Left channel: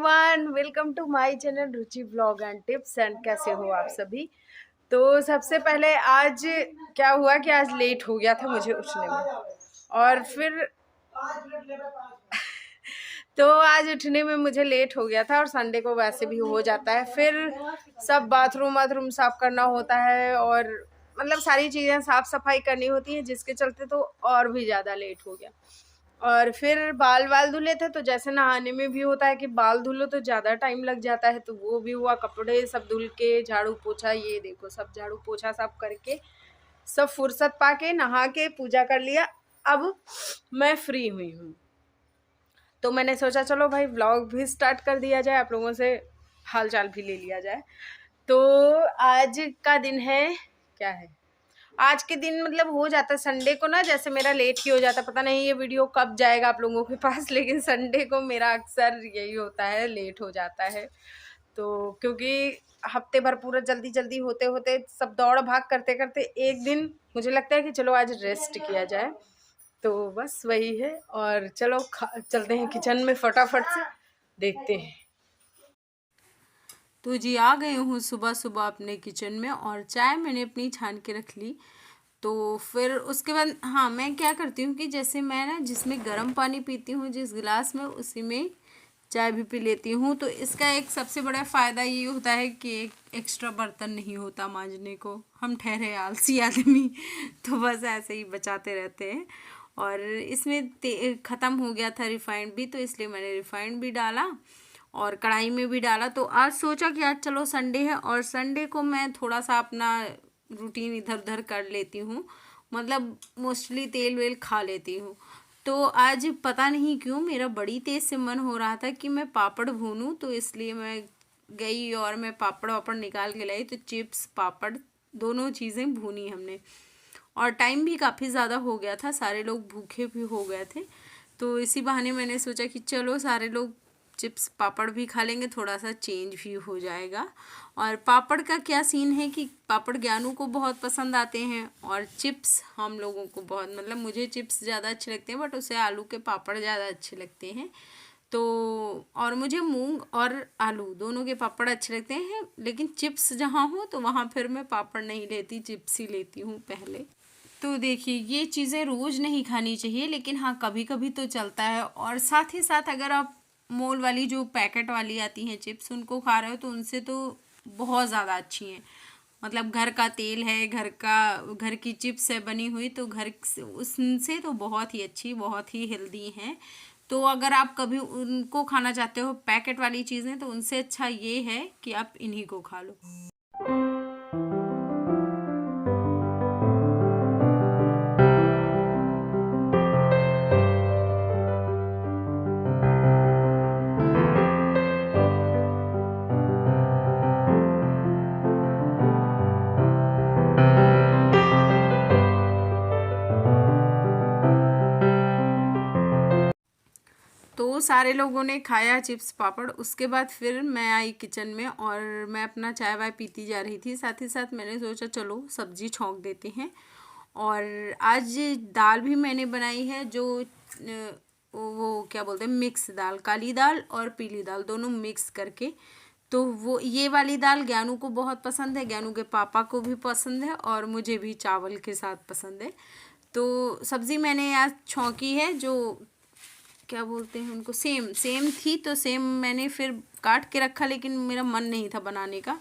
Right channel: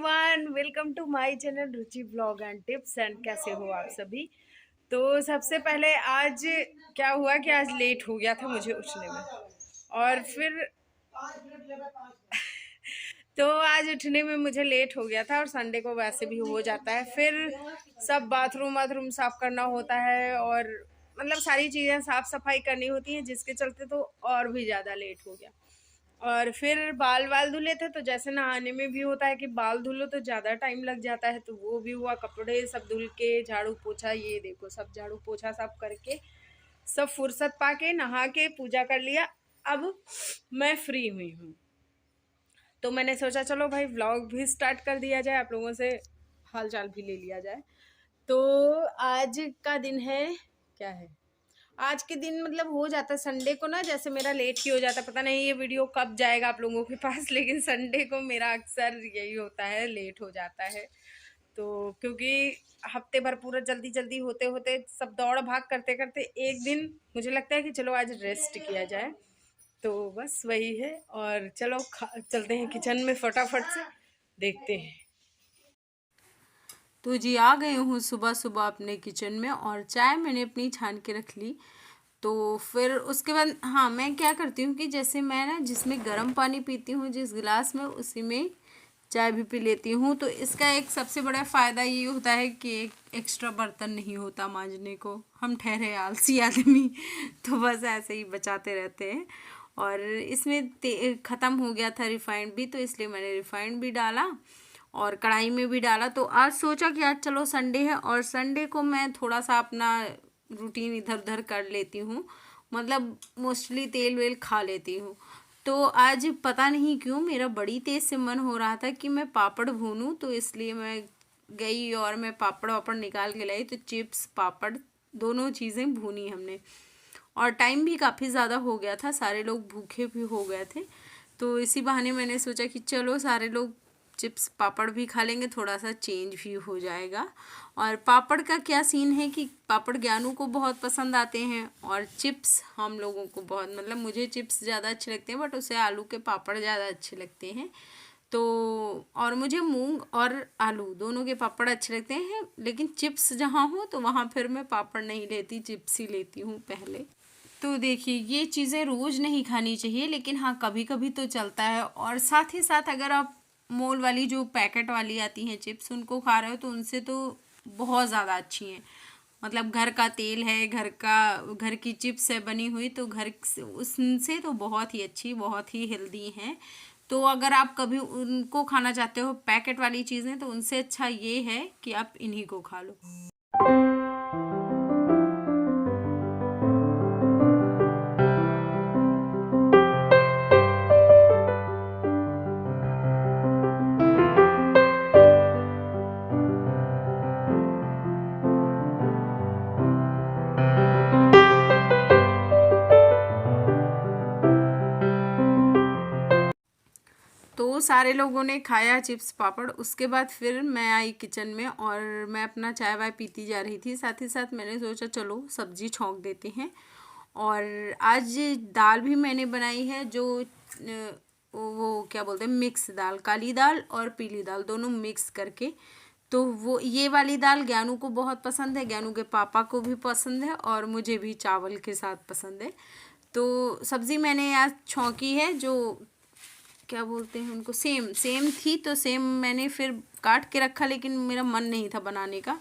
Everyone, welcome to my channel Ruchi blog and tips. And कैसे हो आप सभी। तो सबसे पहले आज क्या हुआ कि आज लेट हो गया था मुझे उठने में। और फिर तो आज उठने में मुझे लेट हो गया था और संडे को वैसे भी हो जाता है। फिर सब बाथरूम साफ करना होता है और मतलब सारी चीज़ें साफ सफाई करनी होती है, जिसके चलते तो और भी ज़्यादा लेट हो गया। और फिर बाल धुले थे, तो जैसे नहाने में भी होता है कि बाल धुलो तो ज़्यादा टाइम लग जाता है, तो वो भी हुआ। कपड़े सब धुल के झाड़ू पोछा, ये देखो सब झाड़ू पोछा सब करके सब फुर्सत पाके नहा के पूजा कर लिया। अब मैं फ्री हुई हूँ, तो मैंने सोचा चलो भाई व्लॉग भी स्टार्ट कर दिया जाए, आप लोगों से हाल चाल भी ले लिया जाए। तो आज का दिन है, क्या है आज के दिन, मतलब हो जाता है संडे को ना, जैसे मेरा लेट ही हो जाता है। पता नहीं ये वीडियो कब जाएगा आप लोगों के पास, लेकिन संडे को मेरा अक्सर यही होता है, लेट हो जाता है। तो क्योंकि हफ्ते भर पूरा जल्दी जल्दी होते होते सब दौड़ भाग करते करते एक दिन मुझे लगता है कि चलो आज रेस्ट किया जाए, तो बस वही है। और चलो चलते हैं किचन में, फटाफट से देखते हैं। तो जी आ गई हूँ सुबह सुबह अपने किचन में, और चाय मैंने अपनी छान के रख ली। तो फिर उसके बाद हाँ, मैं क्या करती हूँ कि जैसे मैं ना जिसमें गर्म पानी पीती हूँ जिस गिलास में, उसी में चाय भी पी लेती हूँ। तो इसका एक सबसे बड़ा फ़ायदा ये होता है कि एक एक्स्ट्रा बर्तन नहीं होता मांजने को। हम ठहरे आलसी आदमी तो बस ऐसे ही बचाते रहते हैं। और इसमें ख़त्म हो गया था रिफाइंड भी, तो इसलिए मैंने रिफाइंड भी डाला और कढ़ाई में भी डाला। तो आज सोचा कि आज चलो संडे है, और संडे को मैं थोड़ा सा अपना रूटीन इधर उधर कर लेती हूँ, मतलब मोस्टली तेल वेल खा लेती हूँ। तो आज पता नहीं क्यों मेरा बड़ी तेज़ से मन हो रहा था कि मैं पापड़ भूनूं, तो इसलिए मैं गई और मैं पापड़ वापड़ निकाल के लाई। तो चिप्स पापड़ दोनों चीज़ें भूनी हमने, और टाइम भी काफ़ी ज़्यादा हो गया था, सारे लोग भूखे भी हो गए थे। तो इसी बहाने मैंने सोचा कि चलो सारे लोग चिप्स पापड़ भी खा लेंगे, थोड़ा सा चेंज भी हो जाएगा। और पापड़ का क्या सीन है कि पापड़ ज्ञानू को बहुत पसंद आते हैं, और चिप्स हम लोगों को बहुत, मतलब मुझे चिप्स ज़्यादा अच्छे लगते हैं, बट उसे आलू के पापड़ ज़्यादा अच्छे लगते हैं। तो और मुझे मूंग और आलू दोनों के पापड़ अच्छे लगते हैं, लेकिन चिप्स जहाँ हो तो वहाँ फिर मैं पापड़ नहीं लेती, चिप्स ही लेती हूँ पहले। तो देखिए ये चीज़ें रोज़ नहीं खानी चाहिए, लेकिन हाँ कभी कभी तो चलता है। और साथ ही साथ अगर आप मोल वाली जो पैकेट वाली आती हैं चिप्स उनको खा रहे हो, तो उनसे तो बहुत ज़्यादा अच्छी हैं। मतलब घर का तेल है, घर की चिप्स है बनी हुई, तो उनसे तो बहुत ही अच्छी, बहुत ही हेल्दी हैं। तो अगर आप कभी उनको खाना चाहते हो पैकेट वाली चीज़ें, तो उनसे अच्छा ये है कि आप इन्हीं को खा लो। तो सारे लोगों ने खाया चिप्स पापड़। उसके बाद फिर मैं आई किचन में, और मैं अपना चाय वाय पीती जा रही थी। साथ ही साथ मैंने सोचा चलो सब्जी छौंक देते हैं। और आज दाल भी मैंने बनाई है, जो वो क्या बोलते हैं, मिक्स दाल, काली दाल और पीली दाल दोनों मिक्स करके। तो वो ये वाली दाल ज्ञानू को बहुत पसंद है, ज्ञानू के पापा को भी पसंद है, और मुझे भी चावल के साथ पसंद है। तो सब्ज़ी मैंने आज छौंकी है, जो क्या बोलते हैं उनको, सेम सेम थी, तो सेम मैंने फिर काट के रखा, लेकिन मेरा मन नहीं था बनाने का।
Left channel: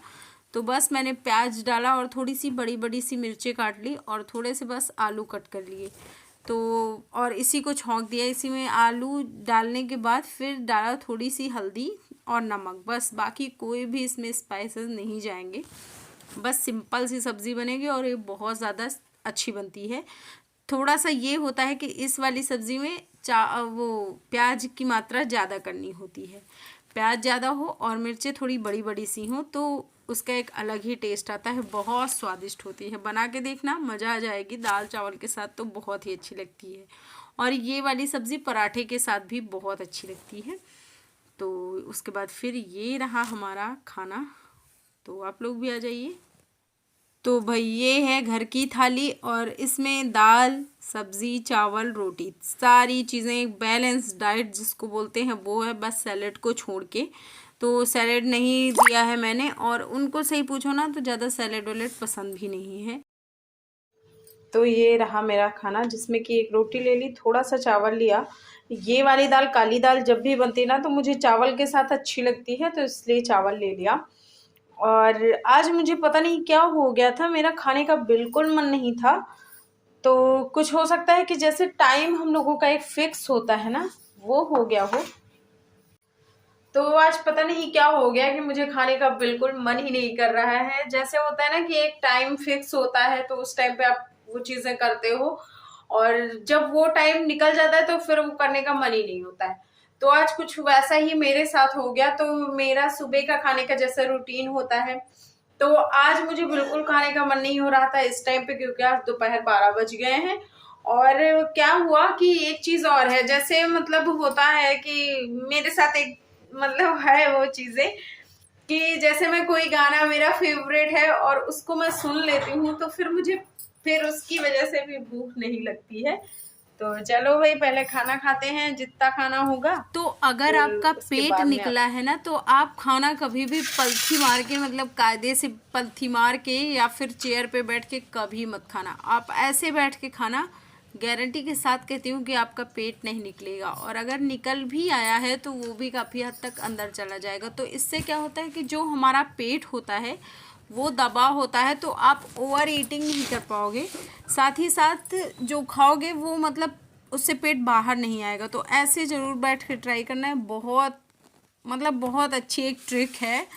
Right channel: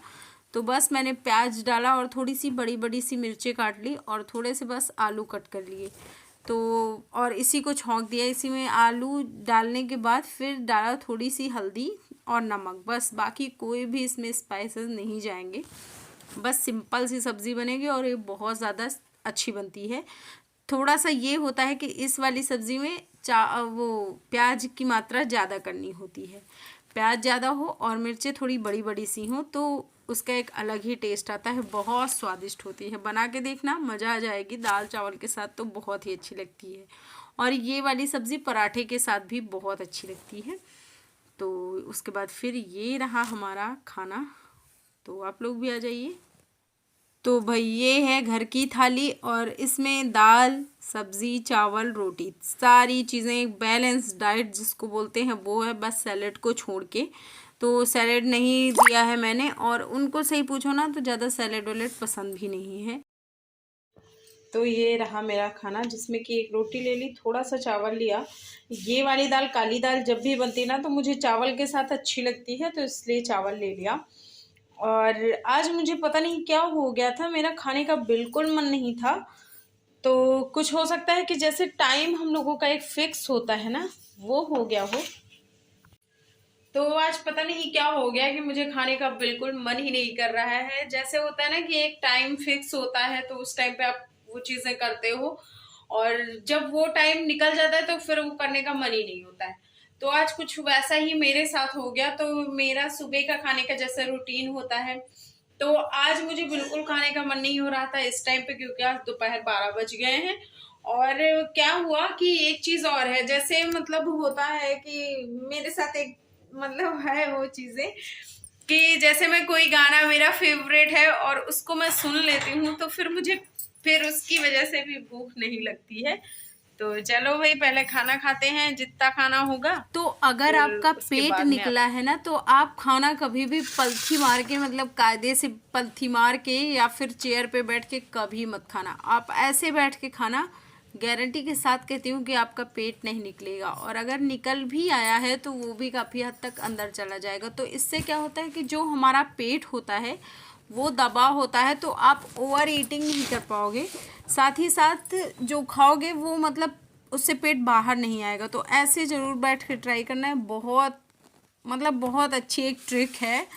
तो बस मैंने प्याज डाला और थोड़ी सी बड़ी बड़ी सी मिर्चें काट ली, और थोड़े से बस आलू कट कर लिए। तो और इसी को छौंक दिया। इसी में आलू डालने के बाद फिर डाला थोड़ी सी हल्दी और नमक, बस बाकी कोई भी इसमें स्पाइसेस नहीं जाएंगे। बस सिंपल सी सब्ज़ी बनेगी, और ये बहुत ज़्यादा अच्छी बनती है। थोड़ा सा ये होता है कि इस वाली सब्ज़ी में वो प्याज की मात्रा ज़्यादा करनी होती है। प्याज ज़्यादा हो और मिर्चें थोड़ी बड़ी बड़ी सी हों, तो उसका एक अलग ही टेस्ट आता है, बहुत स्वादिष्ट होती है। बना के देखना, मज़ा आ जाएगी। दाल चावल के साथ तो बहुत ही अच्छी लगती है, और ये वाली सब्ज़ी पराठे के साथ भी बहुत अच्छी लगती है। तो उसके बाद फिर ये रहा हमारा खाना, तो आप लोग भी आ जाइए। तो भाई ये है घर की थाली और इसमें दाल, सब्जी, चावल, रोटी, सारी चीज़ें, एक बैलेंस डाइट जिसको बोलते हैं वो है, बस सैलेड को छोड़ के। तो सैलेड नहीं दिया है मैंने, और उनको सही पूछो ना तो ज़्यादा सैलेड वैलेड पसंद भी नहीं है। तो ये रहा मेरा खाना, जिसमें कि एक रोटी ले ली, थोड़ा सा चावल लिया। ये वाली दाल, काली दाल जब भी बनती है ना तो मुझे चावल के साथ अच्छी लगती है, तो इसलिए चावल ले लिया। और आज मुझे पता नहीं क्या हो गया था, मेरा खाने का बिल्कुल मन नहीं था। तो कुछ हो सकता है कि जैसे टाइम हम लोगों का एक फिक्स होता है ना, वो हो गया हो। तो आज पता नहीं क्या हो गया कि मुझे खाने का बिल्कुल मन ही नहीं कर रहा है। जैसे होता है ना कि एक टाइम फिक्स होता है तो उस टाइम पे आप वो चीजें करते हो, और जब वो टाइम निकल जाता है तो फिर वो करने का मन ही नहीं होता है। तो आज कुछ वैसा ही मेरे साथ हो गया। तो मेरा सुबह का खाने का जैसे रूटीन होता है, तो आज मुझे बिल्कुल खाने का मन नहीं हो रहा था इस टाइम पे, क्योंकि आज दोपहर 12 बज गए हैं। और क्या हुआ कि एक चीज और है, जैसे मतलब होता है कि मेरे साथ एक मतलब है वो चीजें, कि जैसे मैं कोई गाना मेरा फेवरेट है और उसको मैं सुन लेती हूँ तो फिर मुझे फिर उसकी वजह से भी भूख नहीं लगती है। तो चलो भाई पहले खाना खाते हैं जितना खाना होगा। तो अगर फिर आपका उसके पेट बाद में निकला है ना तो आप खाना कभी भी पलथी मार के, मतलब कायदे से पलथी मार के या फिर चेयर पे बैठ के कभी मत खाना। आप ऐसे बैठ के खाना, गारंटी के साथ कहती हूँ कि आपका पेट नहीं निकलेगा, और अगर निकल भी आया है तो वो भी काफ़ी हद तक अंदर चला जाएगा। तो इससे क्या होता है कि जो हमारा पेट होता है वो दबा होता है, तो आप ओवर ईटिंग नहीं कर पाओगे। साथ ही साथ जो खाओगे वो मतलब उससे पेट बाहर नहीं आएगा। तो ऐसे ज़रूर बैठ के ट्राई करना है, बहुत मतलब बहुत अच्छी एक ट्रिक है।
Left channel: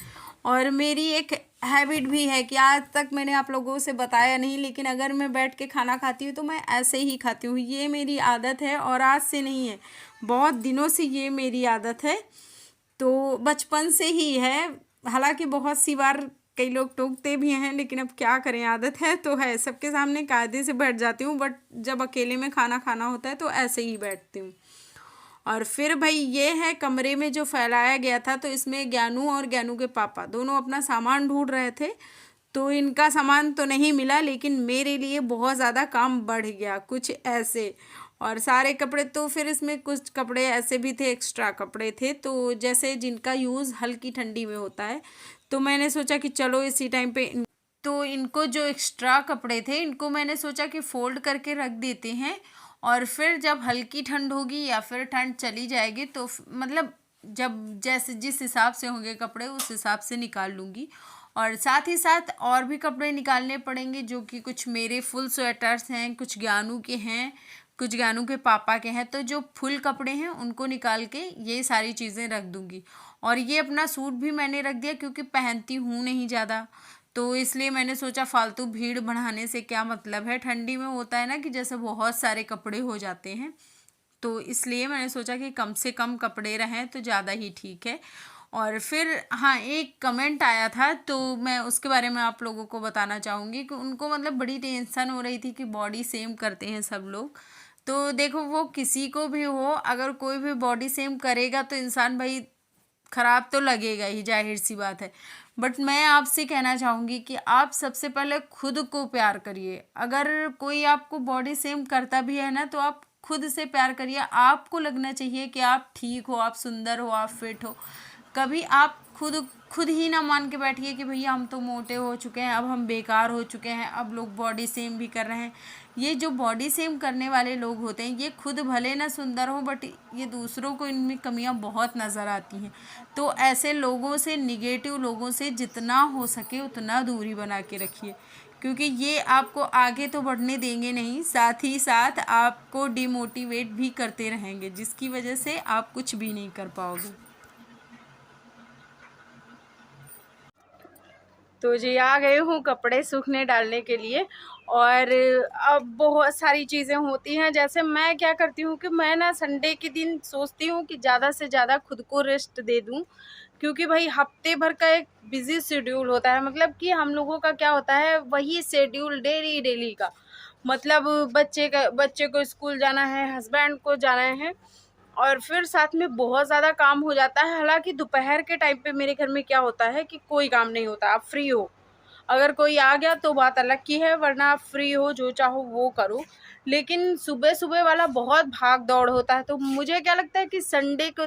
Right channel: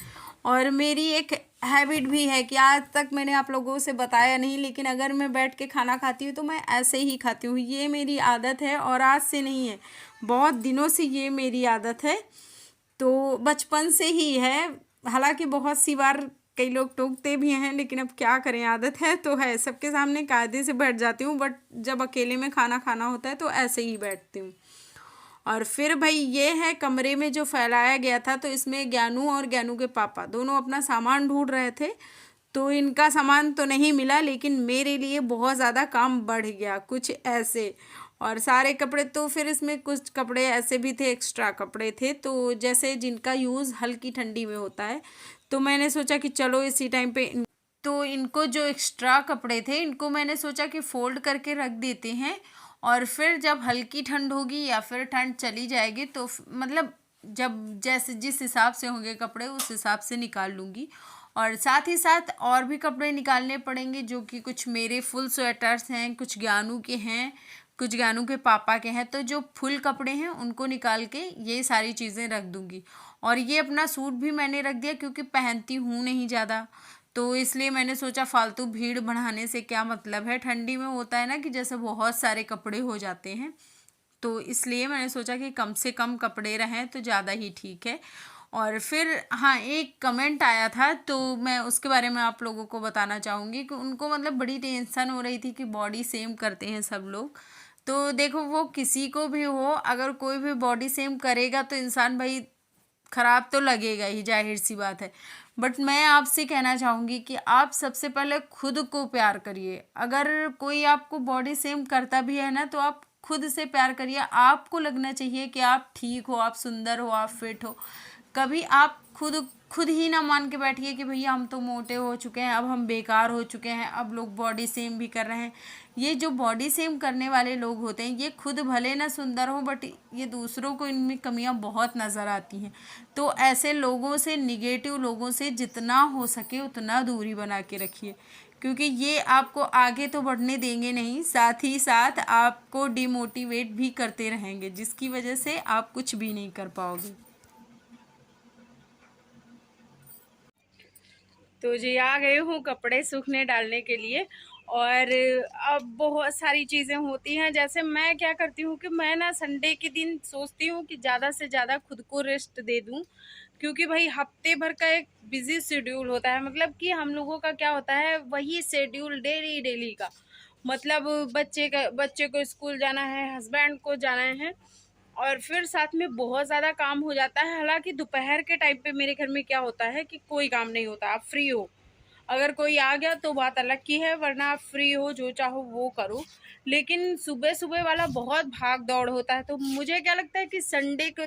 और मेरी एक हैबिट भी है कि आज तक मैंने आप लोगों से बताया नहीं, लेकिन अगर मैं बैठ के खाना खाती हूँ तो मैं ऐसे ही खाती हूँ। ये मेरी आदत है और आज से नहीं है, बहुत दिनों से ये मेरी आदत है। तो बचपन से ही है। हालांकि बहुत सी बार कई लोग टोकते भी हैं, लेकिन अब क्या करें, आदत है तो है। सबके सामने कायदे से बैठ जाती हूँ, बट जब अकेले में खाना खाना होता है तो ऐसे ही बैठती हूँ। और फिर भाई ये है कमरे में जो फैलाया गया था, तो इसमें ज्ञानू और ज्ञानू के पापा दोनों अपना सामान ढूंढ रहे थे। तो इनका सामान तो नहीं मिला, लेकिन मेरे लिए बहुत ज़्यादा काम बढ़ गया कुछ ऐसे। और सारे कपड़े, तो फिर इसमें कुछ कपड़े ऐसे भी थे, एक्स्ट्रा कपड़े थे, तो जैसे जिनका यूज़ हल्की ठंडी में होता है। तो मैंने सोचा कि चलो इसी टाइम पे तो इनको जो एक्स्ट्रा कपड़े थे इनको मैंने सोचा कि फोल्ड करके रख देते हैं, और फिर जब हल्की ठंड होगी या फिर ठंड चली जाएगी तो मतलब जब जैसे जिस हिसाब से होंगे कपड़े उस हिसाब से निकाल लूँगी। और साथ ही साथ और भी कपड़े निकालने पड़ेंगे, जो कि कुछ मेरे फुल स्वेटर्स हैं, कुछ ज्ञानू के हैं, कुछ ज्ञानू के पापा के हैं। तो जो फुल कपड़े हैं उनको निकाल के ये सारी चीज़ें रख दूँगी। और ये अपना सूट भी मैंने रख दिया क्योंकि पहनती हूँ नहीं ज़्यादा, तो इसलिए मैंने सोचा फालतू भीड़ बढ़ाने से क्या मतलब है। ठंडी में होता है ना कि जैसे बहुत सारे कपड़े हो जाते हैं, तो इसलिए मैंने सोचा कि कम से कम कपड़े रहें तो ज़्यादा ही ठीक है। और फिर हाँ, एक कमेंट आया था तो मैं उसके बारे में आप लोगों को बताना चाहूँगी कि उनको मतलब बड़ी टेंशन हो रही थी कि बॉडी सेम करते हैं सब लोग। तो देखो, वो किसी को भी हो, अगर कोई भी बॉडी सेम करेगा तो इंसान भाई खराब तो लगेगा ही, जाहिर सी बात है। बट मैं आपसे कहना चाहूँगी कि आप सबसे पहले खुद को प्यार करिए। अगर कोई आपको बॉडी सेम करता भी है ना तो आप खुद से प्यार करिए। आपको लगना चाहिए कि आप ठीक हो, आप सुंदर हो, आप फिट हो। कभी आप खुद खुद ही ना मान के बैठिए कि भैया हम तो मोटे हो चुके हैं, अब हम बेकार हो चुके हैं, अब लोग बॉडी सेम भी कर रहे हैं। ये जो बॉडी सेम करने वाले लोग होते हैं ये खुद भले ना सुंदर हो, बट ये दूसरों को इनमें कमियां बहुत नज़र आती हैं। तो ऐसे लोगों से, निगेटिव लोगों से जितना हो सके उतना दूरी बना के रखिए, क्योंकि ये आपको आगे तो बढ़ने देंगे नहीं, साथ ही साथ आपको डिमोटिवेट भी करते रहेंगे, जिसकी वजह से आप कुछ भी नहीं कर पाओगे। तो जी आ गई हूँ कपड़े सूखने डालने के लिए। और अब बहुत सारी चीज़ें होती हैं, जैसे मैं क्या करती हूँ कि मैं ना संडे के दिन सोचती हूँ कि ज़्यादा से ज़्यादा खुद को रेस्ट दे दूँ, क्योंकि भाई हफ्ते भर का एक बिजी शेड्यूल होता है। मतलब कि हम लोगों का क्या होता है, वही शेड्यूल डेली डेली का, मतलब बच्चे को स्कूल जाना है, हस्बैंड को जाना है, और फिर साथ में बहुत ज़्यादा काम हो जाता है। हालांकि दोपहर के टाइम पे मेरे घर में क्या होता है कि कोई काम नहीं होता, आप फ्री हो, अगर कोई आ गया तो बात अलग की है, वरना आप फ्री हो, जो चाहो वो करो। लेकिन सुबह सुबह वाला बहुत भाग दौड़ होता है। तो मुझे क्या लगता है कि संडे के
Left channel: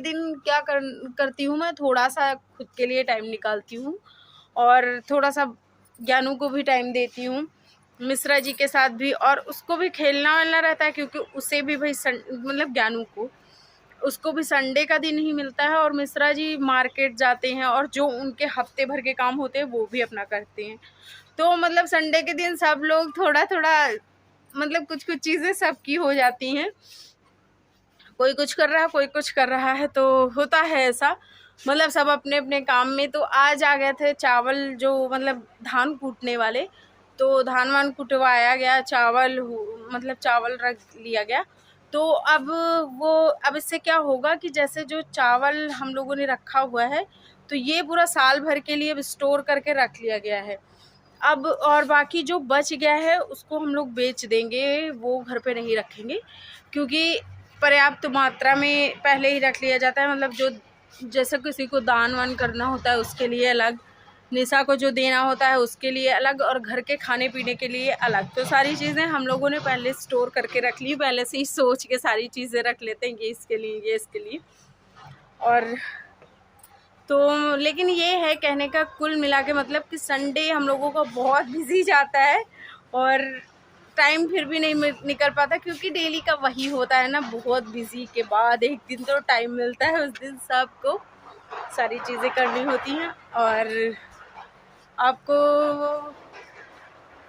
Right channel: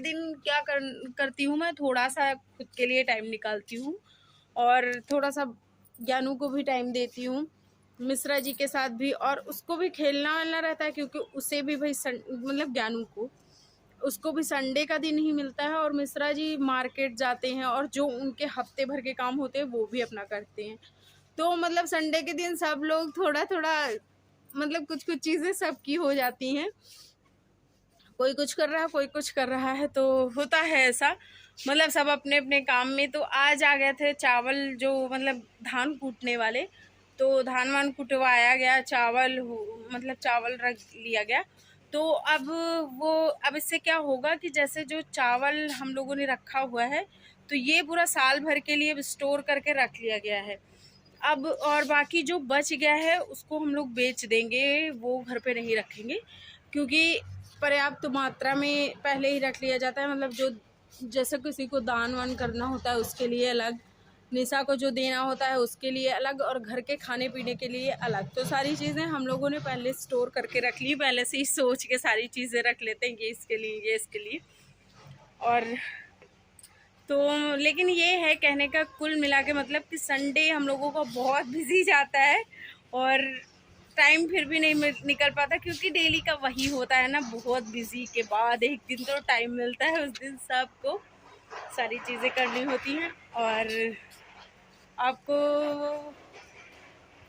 दिन क्या करती हूँ मैं, थोड़ा सा खुद के लिए टाइम निकालती हूँ और थोड़ा सा ज्ञानू को भी टाइम देती हूँ, मिश्रा जी के साथ भी। और उसको भी खेलना वेलना रहता है, क्योंकि उसे भी भाई मतलब ज्ञानू को, उसको भी संडे का दिन ही मिलता है। और मिश्रा जी मार्केट जाते हैं और जो उनके हफ्ते भर के काम होते हैं वो भी अपना करते हैं। तो मतलब संडे के दिन सब लोग थोड़ा थोड़ा मतलब कुछ कुछ चीज़ें सबकी हो जाती हैं, कोई कुछ कर रहा है, कोई कुछ कर रहा है, तो होता है ऐसा। मतलब सब अपने अपने काम में। तो आज आ गए थे चावल, जो मतलब धान कूटने वाले, तो धान वान कुटवाया गया, मतलब चावल रख लिया गया। तो अब इससे क्या होगा कि जैसे जो चावल हम लोगों ने रखा हुआ है, तो ये पूरा साल भर के लिए स्टोर करके रख लिया गया है। अब और बाकी जो बच गया है उसको हम लोग बेच देंगे, वो घर पे नहीं रखेंगे, क्योंकि पर्याप्त मात्रा में पहले ही रख लिया जाता है। मतलब जो जैसे किसी को दान वान करना होता है उसके लिए अलग, निशा को जो देना होता है उसके लिए अलग, और घर के खाने पीने के लिए अलग। तो सारी चीज़ें हम लोगों ने पहले स्टोर करके रख ली, पहले से ही सोच के सारी चीज़ें रख लेते हैं, ये इसके लिए, ये इसके लिए। और तो लेकिन ये है कहने का कुल मिला के मतलब कि संडे हम लोगों का बहुत बिजी जाता है, और टाइम फिर भी नहीं निकल पाता, क्योंकि डेली का वही होता है ना, बहुत बिजी के बाद एक दिन तो टाइम मिलता है, उस दिन सबको सारी चीज़ें करनी होती हैं। और आपको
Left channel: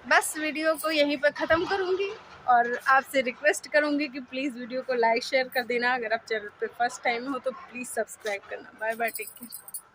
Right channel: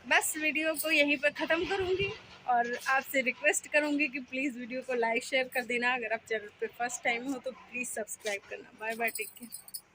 बस वीडियो को यहीं पर ख़त्म करूँगी, और आपसे रिक्वेस्ट करूँगी कि प्लीज़ वीडियो को लाइक शेयर कर देना। अगर आप चैनल पे फर्स्ट टाइम हो तो प्लीज़ सब्सक्राइब करना। Bye bye, take care.